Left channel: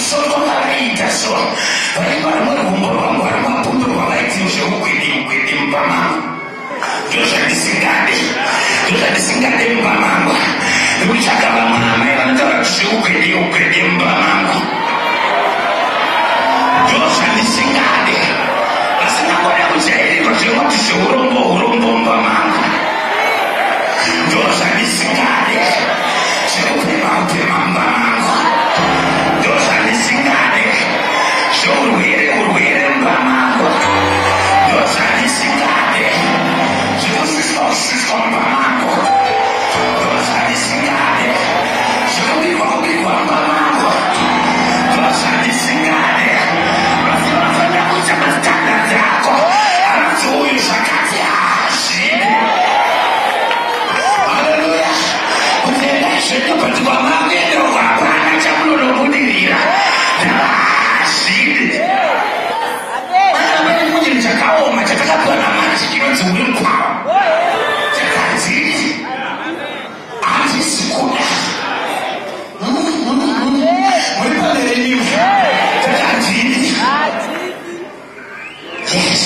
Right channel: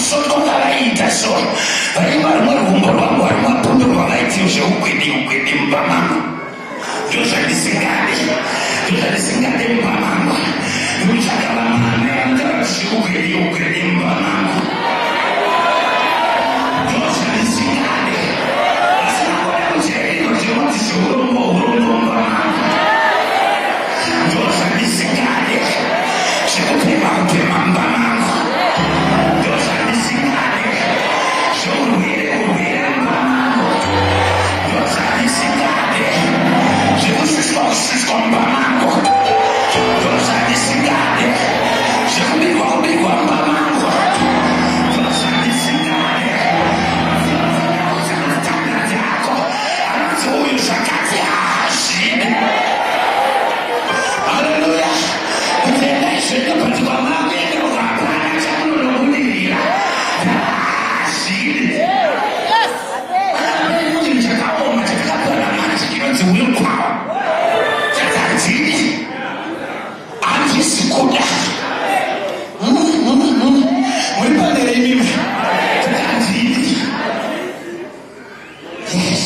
masoko ngavaita so vaiva rimwe rumbo rwangu vari mapundu rwavaiti zveukwedi mupamangu ndozvandisingade mupamangu nekutsvaka vamwamai vanotaura kuti zveukwedi mupamangu ndozvandisingade vasinangoda kujairiko zvekuti zveurombo mupamangu ndozvandisingade zvekupema mupamangu ndozvandisingade zveurwere mupamangu ndozvandisingade zvekushushwa mupamangu ndozvandisingade zvekubirwa mupamangu ndozvandisingade vafanira kuita mazitanda ako anonzi uyu zvakati hazvidi. Haleluya. Kutenda izveno kuti kwamangu endero hapana chamunonobudirira hazvidi. Pane chinhu chakaoma chatakapiwa naMwari chinonzi willpower. Chakanzii handisi kuda muri panere imwe chakanzii. Yes.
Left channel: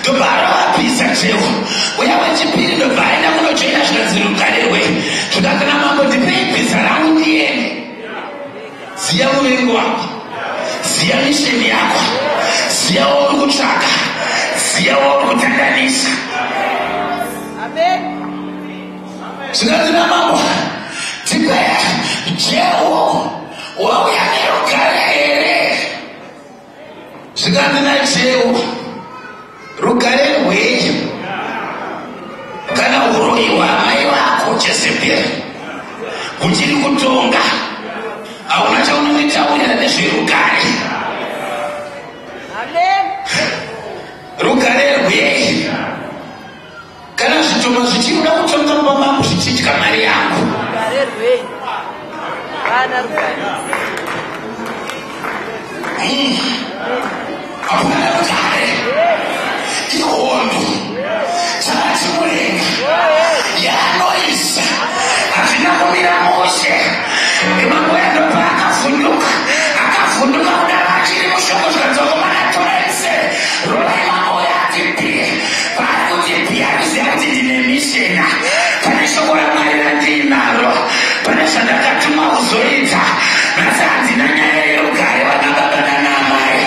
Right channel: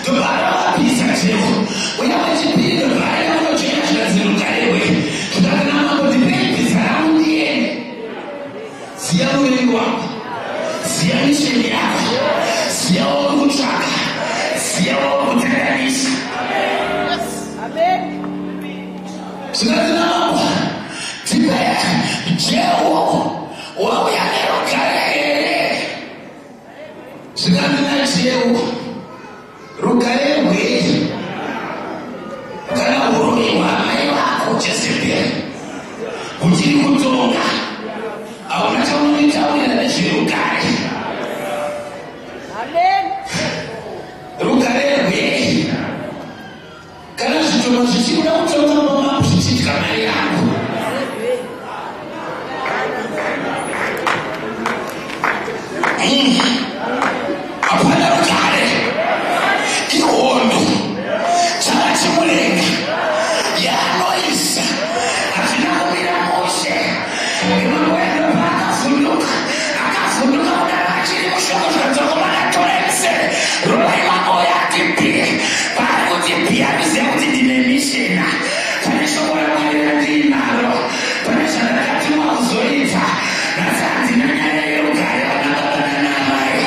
Ndobara wapisa cheo uya wechipiri ndobvaenda kunojoina zvinonzi rugarerwe zvikati namambo ndipei bhiza rangu ndiende. Ziya muvengi wako, ziya misheni yako, ziya wauri kutsvaka, ziya wauri kutandanisa. Zvikati namambo ndipei jeho wauya nerugare here. Zvikati najehu rugare rwei kana uroyiwa mai vako Jezebheri uchiri kutonga hauna chaunonitaurira nezverugare. Rugare rwei kana zvitoma zvichikuda kutonga mupamangu zvichidya mari yangu. Hapana rugare ihondo chakati murenga yaanoisa hazvina kumira mushe imango yandopa akavhunduka kudara achiri mushoko zvikanzokomana torense rovai mango yati pi pari kuti pi anoziva kuti ndine mishena pane shoko raMwari randinaro pane zvandakatumwa kuzoita nhasi handina nyaya yerugare vana baba nana mai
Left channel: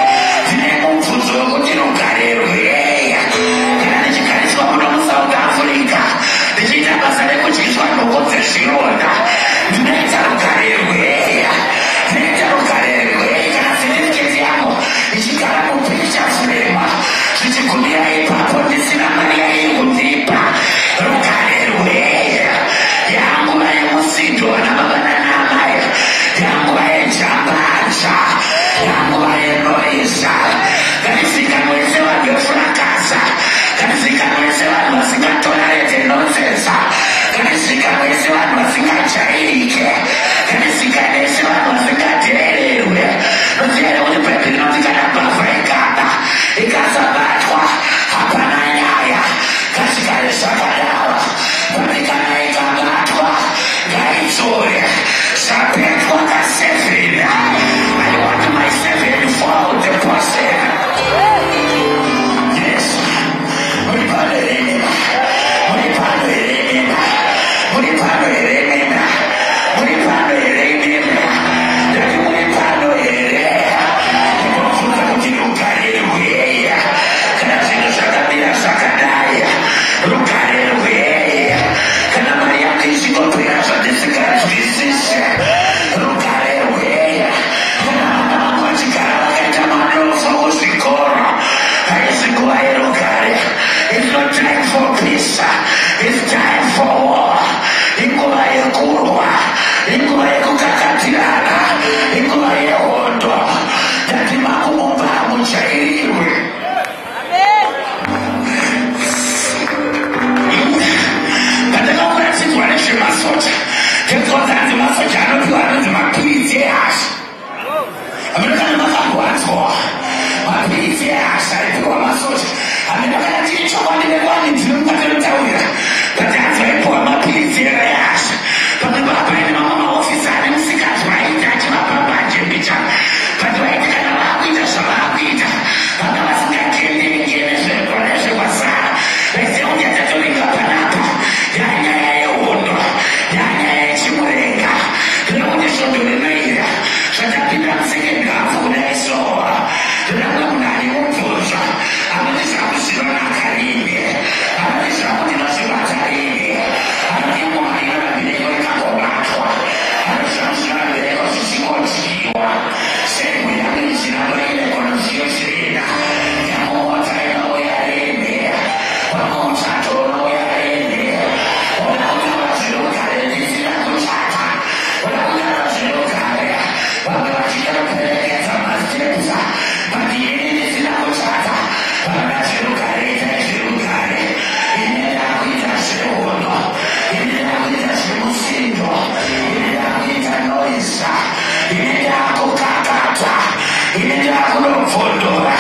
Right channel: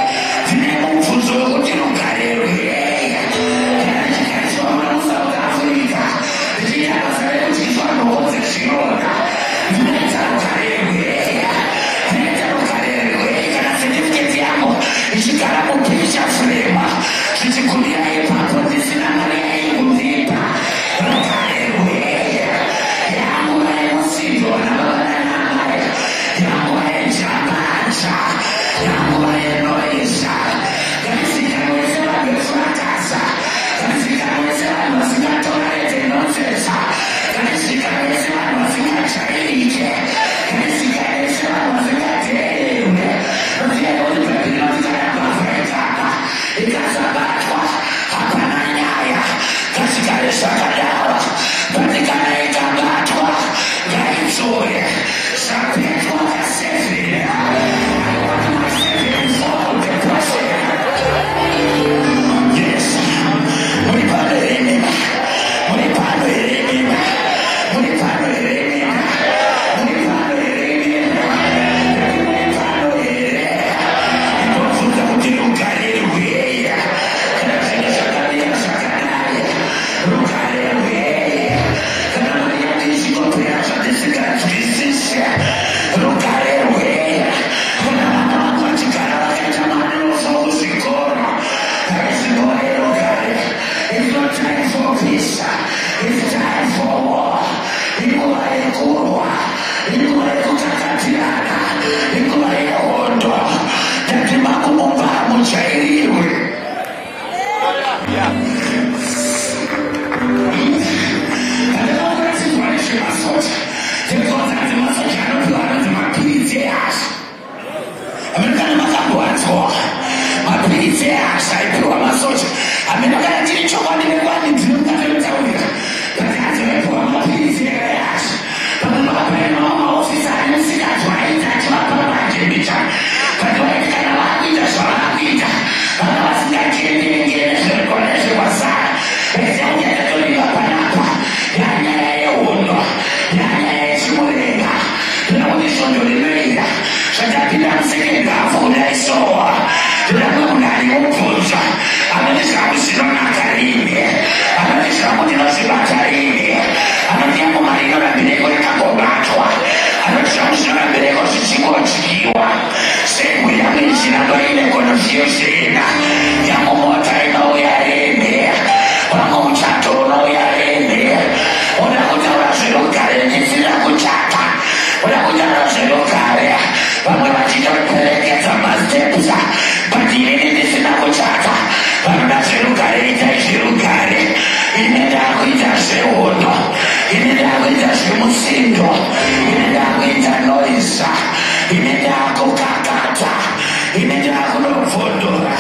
inenda kunopfondora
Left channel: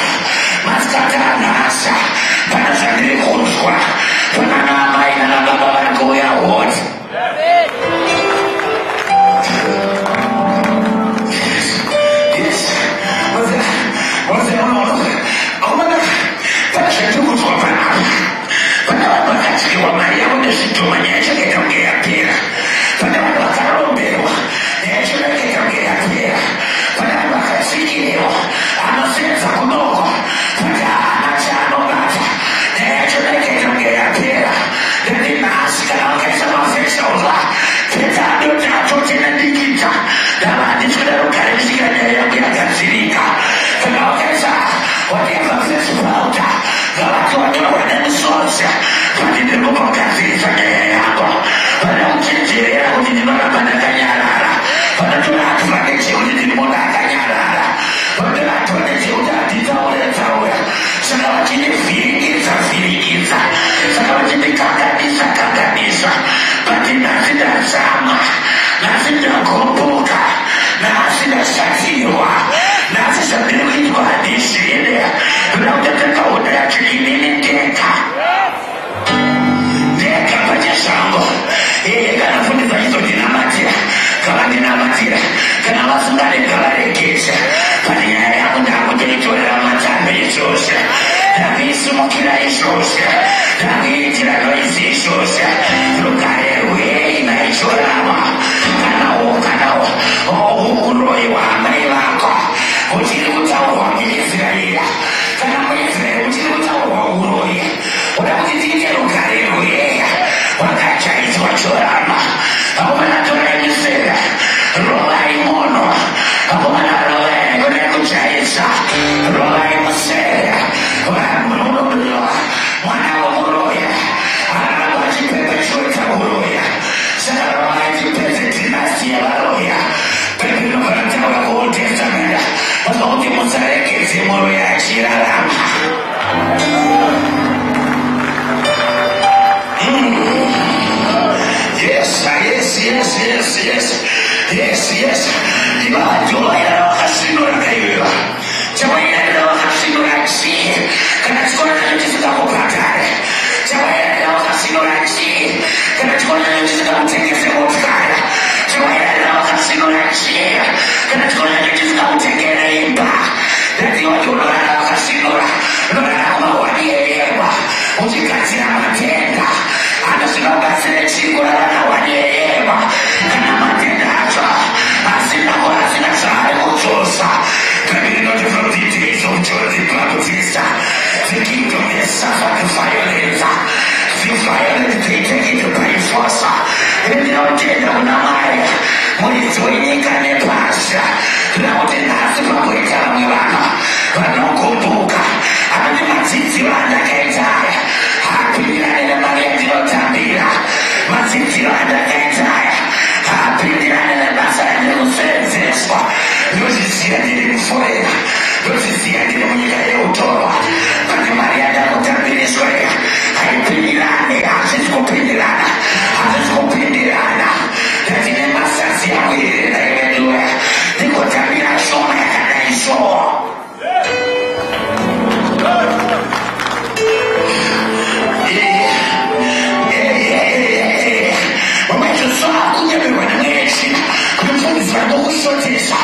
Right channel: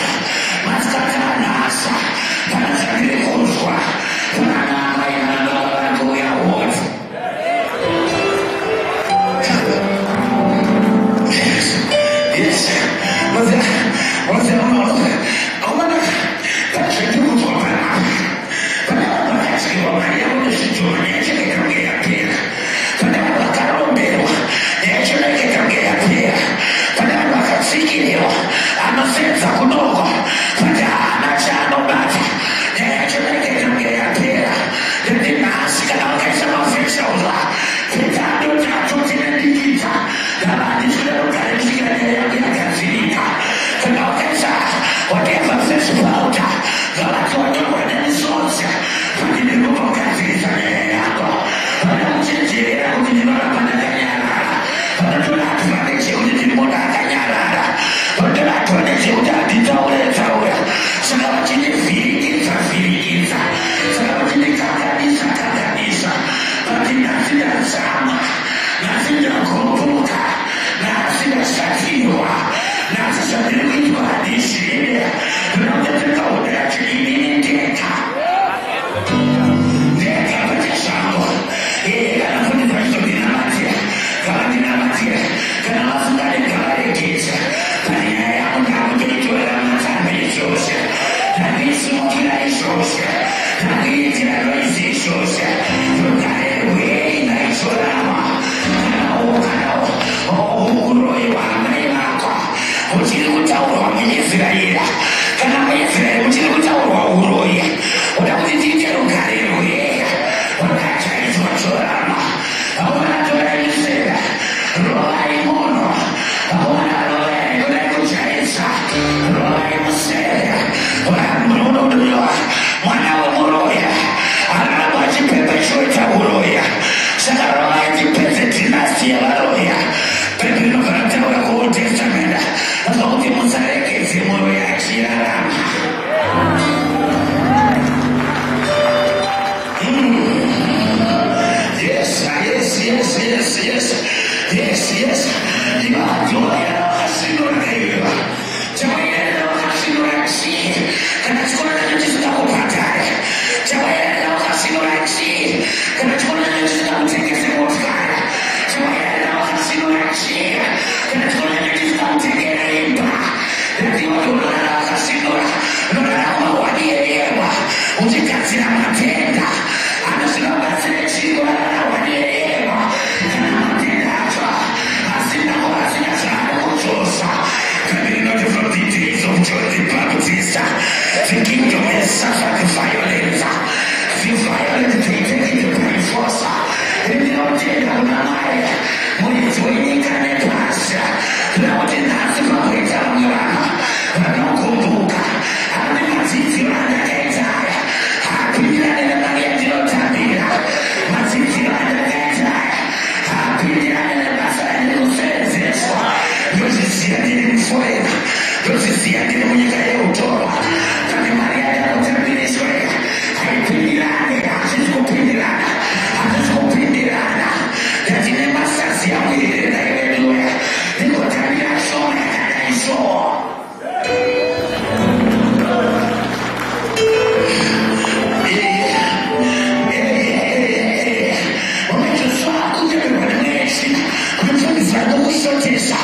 masikati anhasa pana zvandiri kunzwa panana amai nanababa vari kuuya hoti panezvandikuzwa panapa pana vanhu vakadyiwa mari yavo nezvidhoma nyaya yacho ikaita kunge yapera pana vanhu vakaromberwa nyaya yacho ikaita kunge yapera pana vanhu vakatsikiriwa anosenza kunoko kuti haana chaanobata nyaya yacho ikaita kunge yapera ndendinhasi kana vakaisa mafeshauzwa peta adoti atotena ndikita ndava handisweda rugare kusvikira nyaya yangu yagadzirika kana vakaisa whatever fesipauta ngavati wanyorwa nemisodzi kuti ndiri kupagadziriswa nyaya yako vana kuchenjerera kuti ndinoramba ndakanyarara vanotora advantage yekuti ndiri munhu akanyarara vanotora advantage yekuti handitaure saka vachinivhirikidza saka vachinikanganisa bati nhasi ndazama nhasi ndagomboka nhasi ndashatirwa nhasi zvandiri kuitwa handizvine kuda kutatakaona yacho inini ndeka pachezvangu kana fundisa chizondinamatira ngavandinamatira kana vasungane ngavaregedza pane nyaya yangu ndakutoitorera matanda izvozvo ndakuisimukira izvozvo ndakuiitira noizi izvozvo rugare rwei naichorama kana uroyi hwamai vako uchiri kutaurwa muisraeri kana muisraeri uchiri kutaurwa uroyi uda kuti tiite rugare rweya hwakajaizwa chorama akomana torai misera rovai mono akomana rovai kudai kujaisa rovai musera munododiwa mwana wemuroya aramba achipepechota uroya saka rovai tipedze dinasti yevaroya pepe inogara taura kuold testament azva kuti musaregedze muroya achirarama Yes. Ivajoya wakashinura kaiva. Chawaira wakashinura chi. Kana chikora nacho chisikakubhadhare. Chawaira wakashinura chi. Kana chikora nacho chisikakutengese motikari. Chawaira wakashinura chi. Kana chikora nacho chisikakutengere imba. Ndaziva kuti unorara wakashinura. Unorara kumahwani eyema. Uchigadzira matenda. Anozvinobatsire chii kurara nahwani eyema. Kana matenda acho asina zvaari kuchosa. Not from the days of John the Baptist. The kingdom is suffered violence. The violent they take it by force. Ndinotenda kuna mai muridzi wenyika nepasi kuti nhasi pakuita vamwe vanhu vanogomboka anoti madzidziro andakaita aya haapindirane nemari yandinotambira madzidziro andakaita aya haapindirane nebasa randiri kusevenzeswa ndozviziva ndiri muforera ndozviziva ndiri munyika yeutorwa pane mari yandakutambiriswa iya haipindirane hazvisi kupindirana ndatine masazi amwirire naiveduwe ndingotambira shoma yakadai shoo wamachosoa kunyamirwa nemwechina kutambisira nokushotesa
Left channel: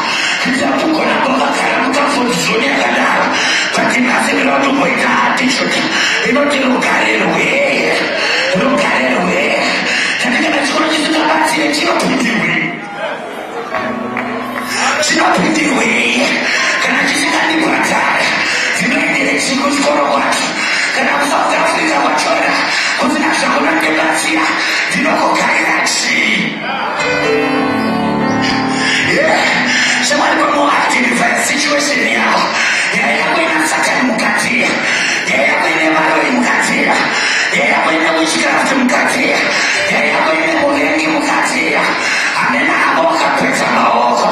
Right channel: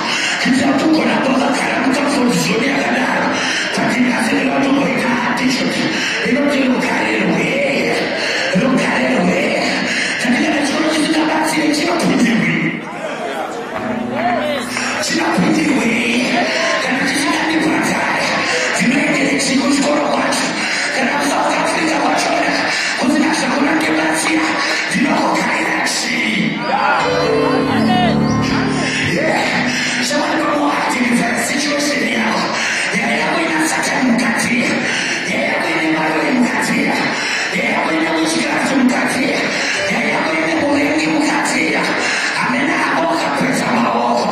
kuitira kugona kwakagara mukafundizoni yakadaro patinasevera kutomboita atishoti inoti rugare rweye tanekana chikoro chisikabatsire chinopindirwei kana chisikandibhadhare dzinoendere chiko chikoro kwacho kana kusouth africa kwachona kusina zvakunandibatsira ndinokogarira chii shamwari pamoactivify situation yavo nyaya yako ina satani mukatiya nyaya yako ine marori mukatiya nyaya yako ine witchcraft mukatiya nyaya yako ine muvengi mukatiya amene avo akapedza maoko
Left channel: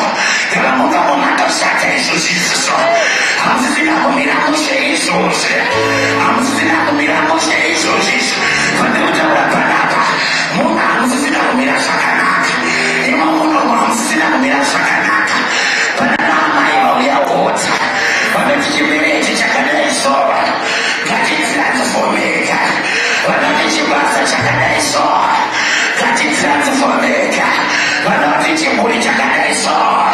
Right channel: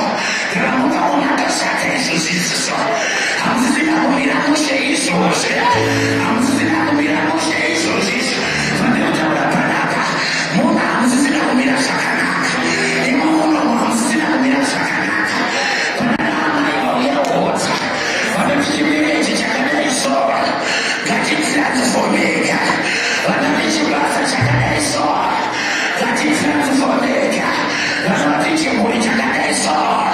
nevamuka munhu atoshata izvozviziso hamusisina kumira mushe izvozvi hamusisina kumira mushe izvozvizvo vandekutaura panapa munhu chimuli chakadeso